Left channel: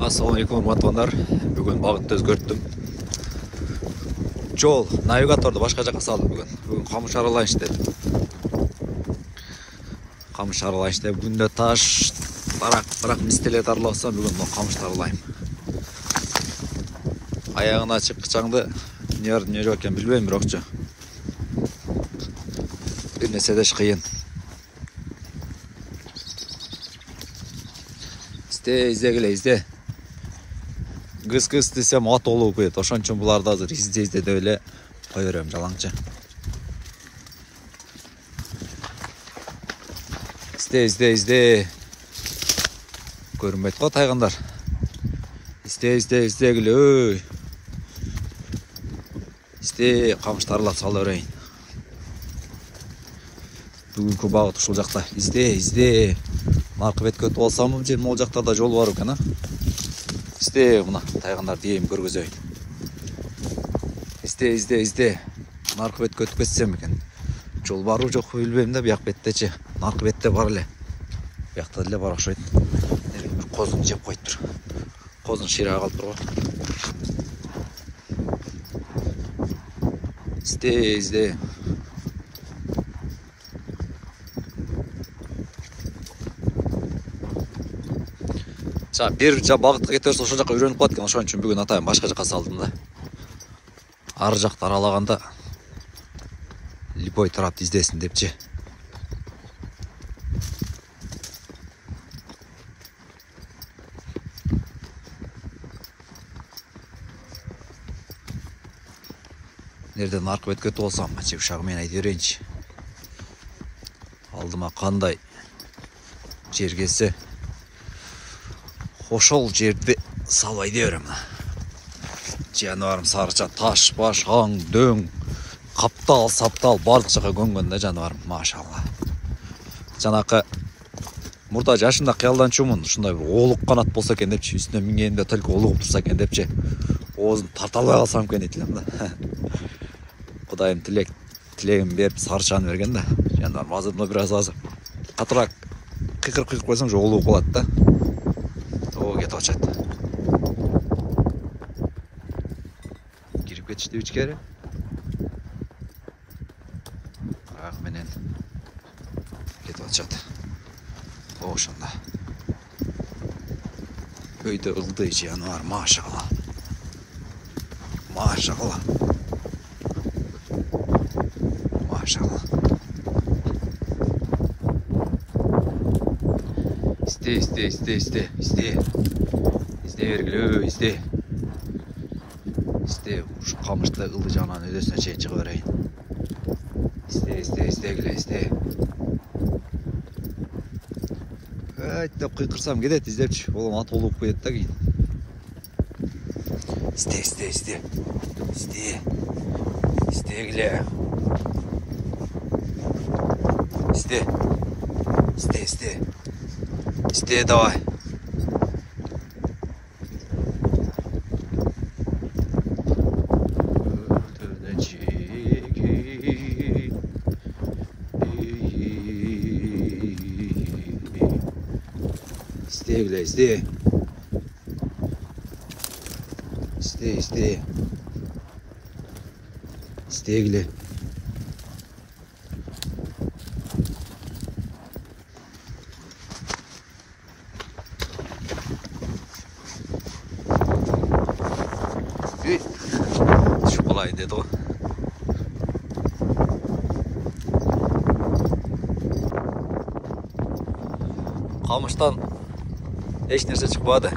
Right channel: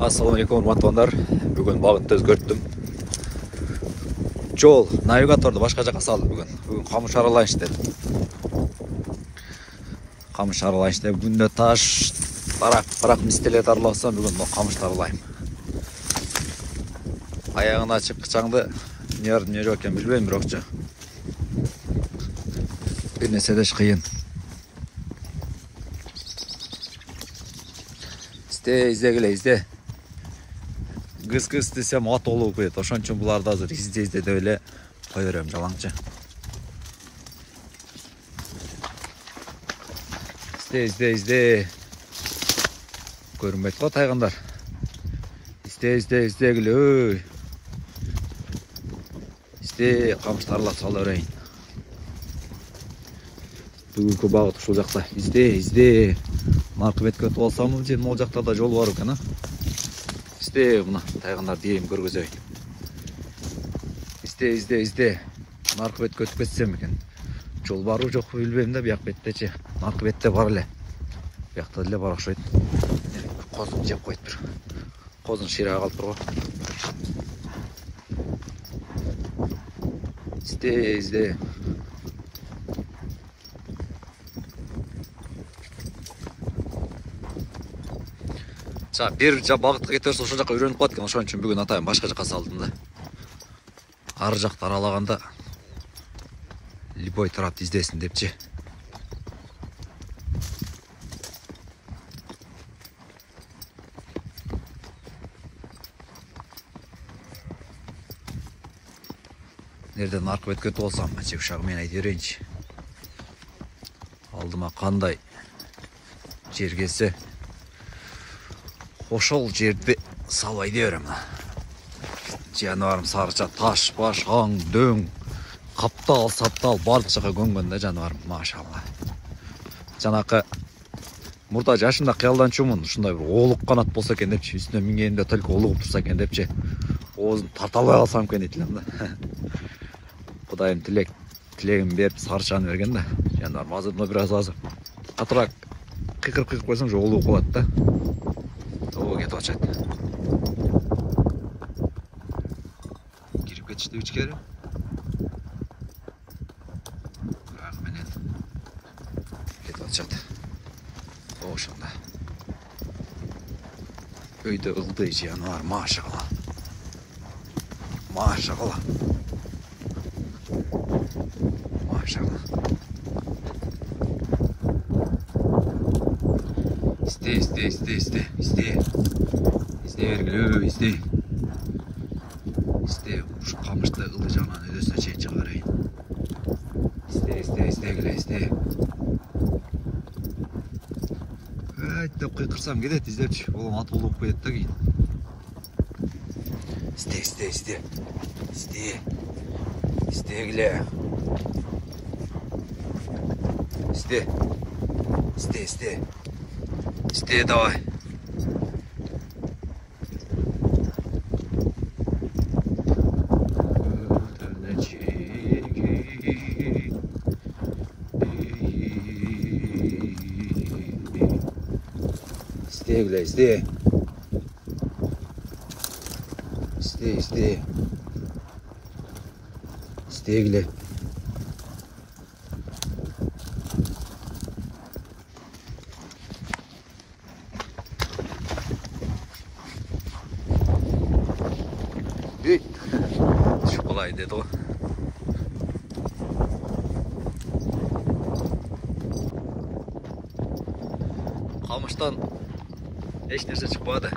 Assalamualaikum урматтуулар. Бүгін бағытты өзгөрттім. Жол навигаторды башқа жаққа салдым бүгін. Бүгін қамыш аралайыншы дедім. Қамыш аралайыншы дедім. Бүгінде таш, бірақ мистелет араласам бүгін қамышты аралайым. Аяғын ашып қычаңды не жоқ екен білбеймін, бірокчы. Bir nese de çıkayın. İzle gele izle. Kız desem at olup koyuyor. Oşan için bularda hazır. İzle de öyle koyuyorum jalanca. İzle. Görünmeydi o tayganlar. İzle gele. İzle kamışlarla sal öreyim. Бүгінгі бағыт ушул жақта. Изде. Наркы бет көтіп алсам, ол жақта да жол бар екен. Изде, мына тайғандар дейім көргізейін. Изде. Наркы бет көтіп кетсем екен. Жол бару жоқ білбеймін да, бияқ беттече. Наркы бетте бар эле. Бияқта деле бар окшойт. Bir қозын жеп қойып тұр. Қозын ширага қалып тұр ғой. Изде. Bir бағытқа кетерсе ошол жаққа үйреніп қалады екен. Ошон үчүн бүгүн атайын башка жаққа салдым да. Ар жақты аралаганда любой тарапты издесин депчи. Нерден аркы бет көтүп алсам, ушагы мен айтып берейинчи. Алдыма кандай жер келсе ошол жерді салбай деберем. Жаныбарым сарыча, таш, баш, аң, дөң, каптал, саптал, бардык жака көнгөн да жаныбарым, машалла. Жанакы мурда жашында кыялданчумун, ушундай бир олук канат болсо экен депчи, үстүнө мингенде только олугуп турса экен депчи, оозун тарта албай калсам экен дейт элем да. Кудайым тилегин берип сарычаны берген да. Жаныбарым азыр бир аз катыраак кыйкырып койсоң же олугуп калат да. О, кетіп атышат. Кирип кетишти ичкери. Ак менен кетип атышат. Ошондо. Өйдө ылдый жаныбар, машалла. Машалла. İzde vergili, izde. Şu kamışta ıldı canan ödesine çek çıkarayım. İzde gile, izde. Evet de kırsam gidet izlep. Oğlum at olup koyet da giyin. İzde gile. İzde давай. İzde. İzde gile. Şu kolay dedi o. Kamıştan hiç nerse çıkmadı.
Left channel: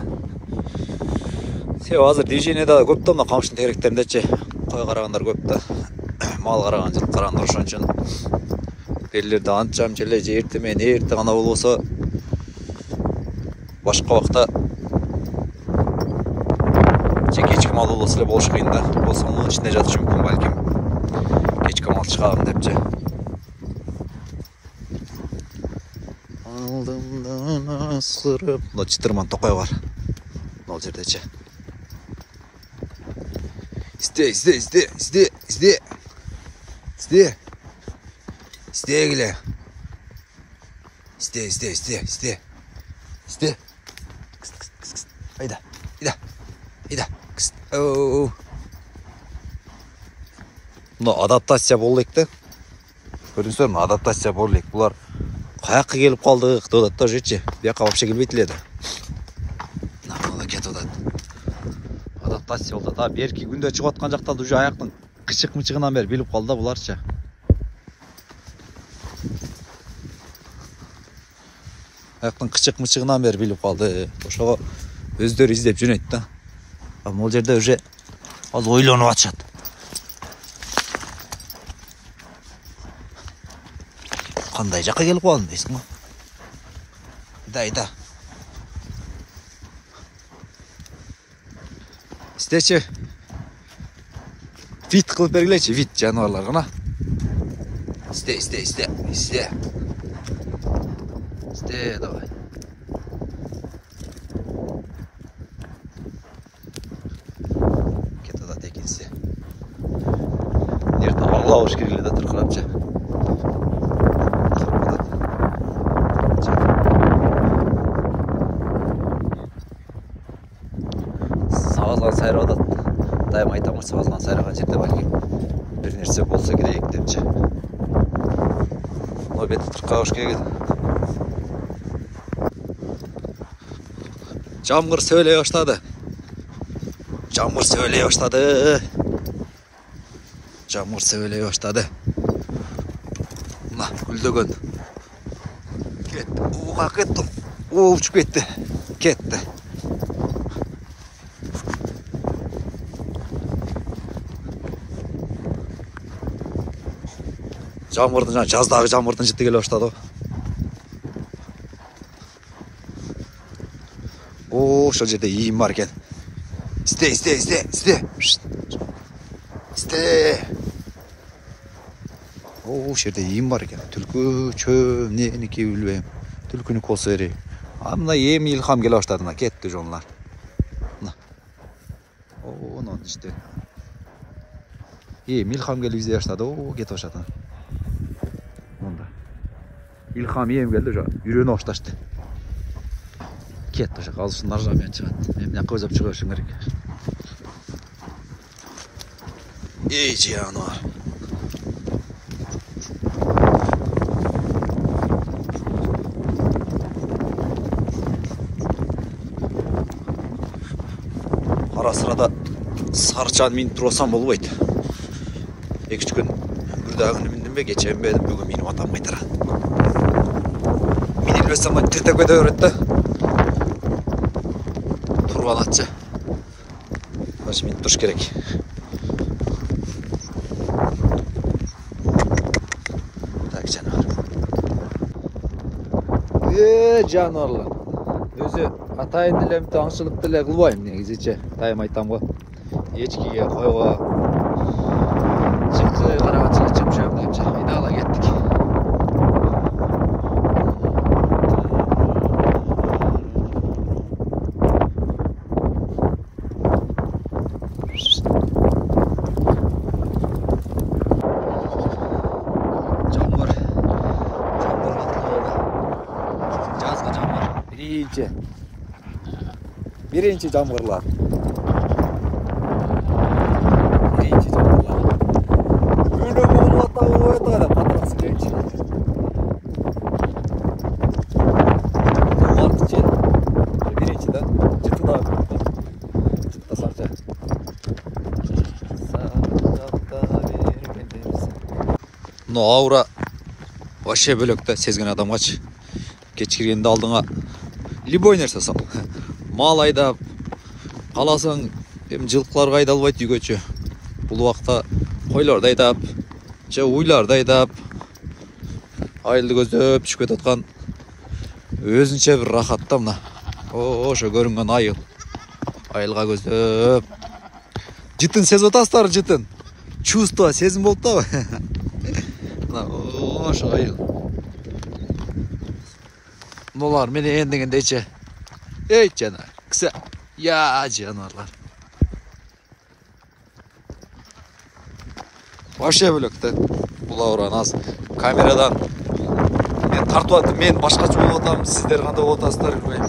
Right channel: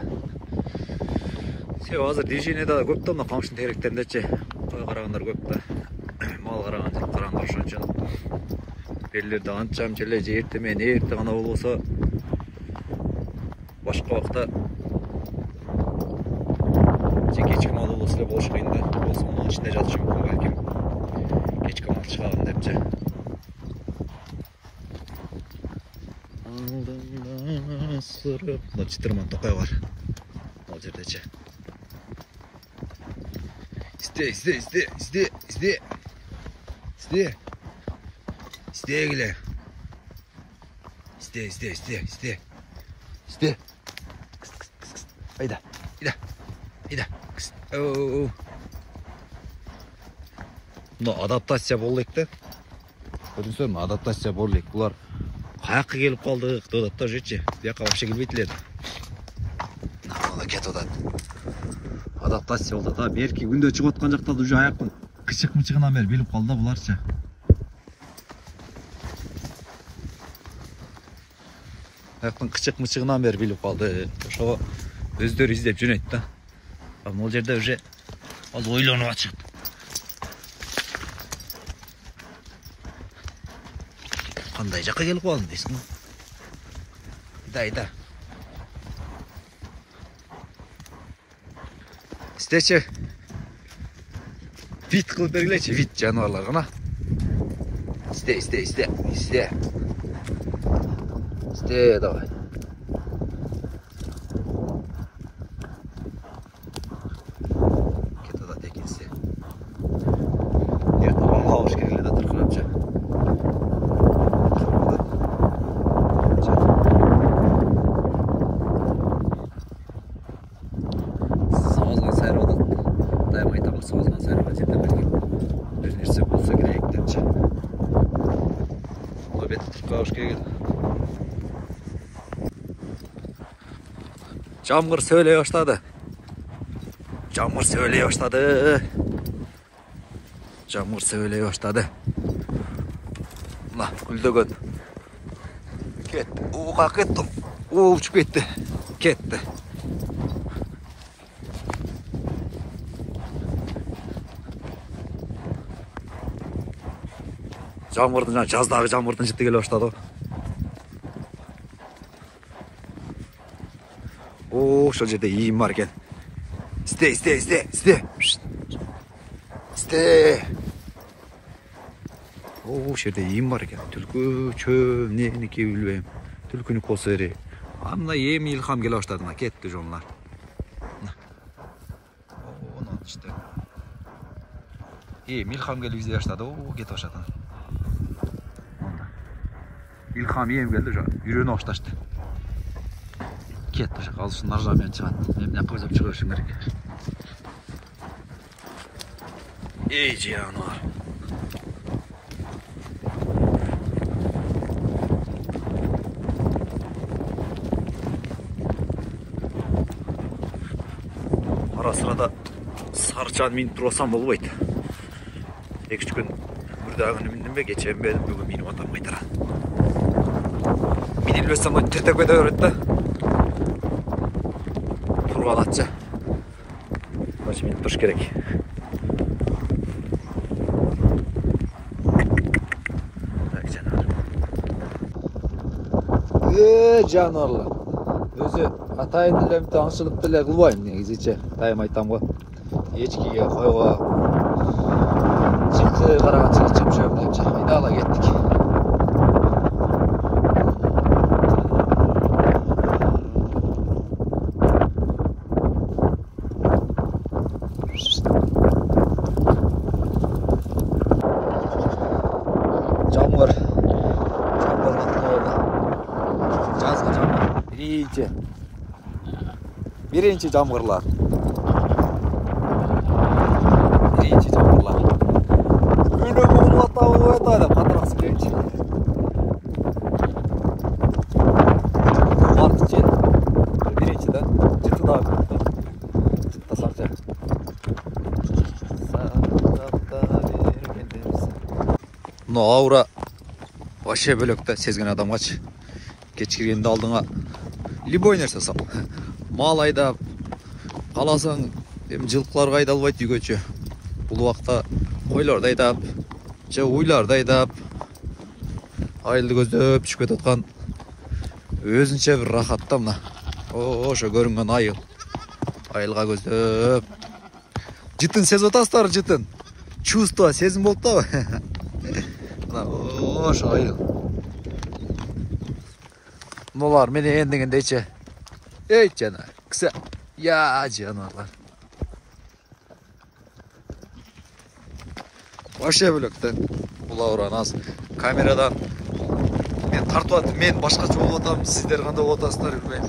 Hazır движениеде көп та мына камыштын теректериндечи кой карагандар көп да. Мал караган, жылкы карагандар ошон үчүн белгилерде анчам желе эрте менен эрте гана болбосо башка убакта кечки мал болсо эле болуш кыйын да. Болсо мунун ичинде жатышы мүмкүн балким. Кечки мал чыгабын депчи. Алдымдан асырып, мына чытырман токой бар. Мал жердечи. İzle gile. İzle. Haydi. Ида. Мына адаптация болдық та. Көрдіңіздер ме? Адаптация болдық. Бұлар қаяққа келіп қалды, қытыдат та жетші. Бияққа вообще келбейтіледі. Мына кетіп отады. Адаптация болды. Та беркі күнде шығып атқан жақтан уже аяқтың қышық-мышығынан бері біліп қалды да бұларша. Аяқтың қышық-мышығынан бері біліп қалды. Ошоға өздері іздеп жөнейді да. Ол жерде уже ол ойланып атышады. Қандай жаққа келіп қалдың дейсің ғой? Ида. Істеші. Вид қылып бергілейші, вид жануарлар ғана. Істе. Істе, давай. Кетада текінсе. Ерті ұрлау үшкерледі тұрқырапша. Сағызған сайры одады. Дайым айтамын, сағызған сайрыған жерде бәлкім бір нәрсе болса керек депші. Ол беті тұрқа үшкерледі. Жамғыр сөйлей баштады. Жамғыр сөйлей баштады. Мына гүлдөгөн. Кетті. Уға кетті. Ұшып кетті. Кетті. Жамғырдың, жаздағы жамғырдың жітті келе баштады. Шол жерде иім бар екен. Істе. Жерде иім бар екен. Түлкі, чөм, неке білбейм. Түлкіні қосыры. Мына ем илхам келе баштады. Кетті жонлар. Оның іште. Илхам келе бізе баштады. Кетіп баштады. Илхам ем келді. Үйрені башташты. Кетті жақ, алысын наржамен шығады. Мен мына көзіп шығу үшін керек. Жануар. Ара сырада сарычаны миніп тұрсам болбайды. 2-3 күн бүрдағыны міндім бе, кечен бе, бүгін миніп атам қайтара. Миніп өсім тіртек өте өретті. Тұрған атшы. Башы мен тұрш керек. Так, жануар. Жануарлар. Өзі атайын тілемді аңшылық тіле қылбайын негізіше. Тайым айтам ғой. Ешкеге қойға. Жықты қарағатшылық жып-жып дайынша. Идала кеттік. Birinci jamgırlar. Ünü bulma tavuğu etayla patraksın genç. Martıcı. Birinci de. Çıtı daha kırıkta. Çıtı sarca. No aura. Vaşe bölükte sezgin adam kaç. Geç kirgende aldığına любой нәрсе сал. Мал айдап, қаласаң, жылқыларға айдалбайды үйгөчө. Бұл уақытта қойларды айдап, уйларды айдап, айылды көздеп түшіп кетіп отқан өзінше бір рахатта мына. Ошо көрінген айыл. Айылға көздеп. Жытын сезіп отасыздар, жытын. Чувство, сезім болды да. Ошо айыл. Нолар мені ендігіндейші. Ей, жанар, кісі. Я, жанарлар. Вообще бөлікті. Бұл ауран аз. Камерадан мен тартып аттым, мен башқаша болып отам. Сіздер қандай отасыздар, білмеймін.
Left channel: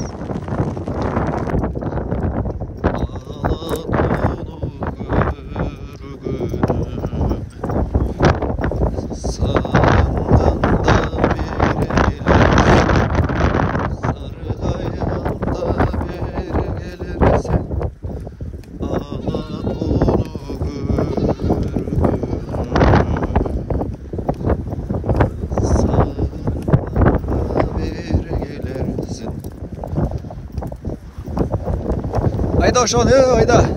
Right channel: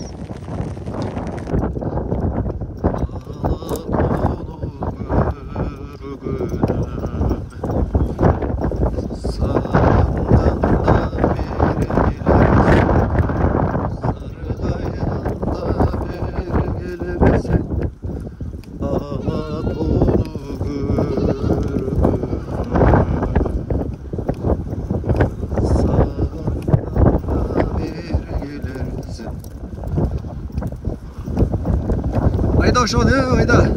Ayda ошону, айда.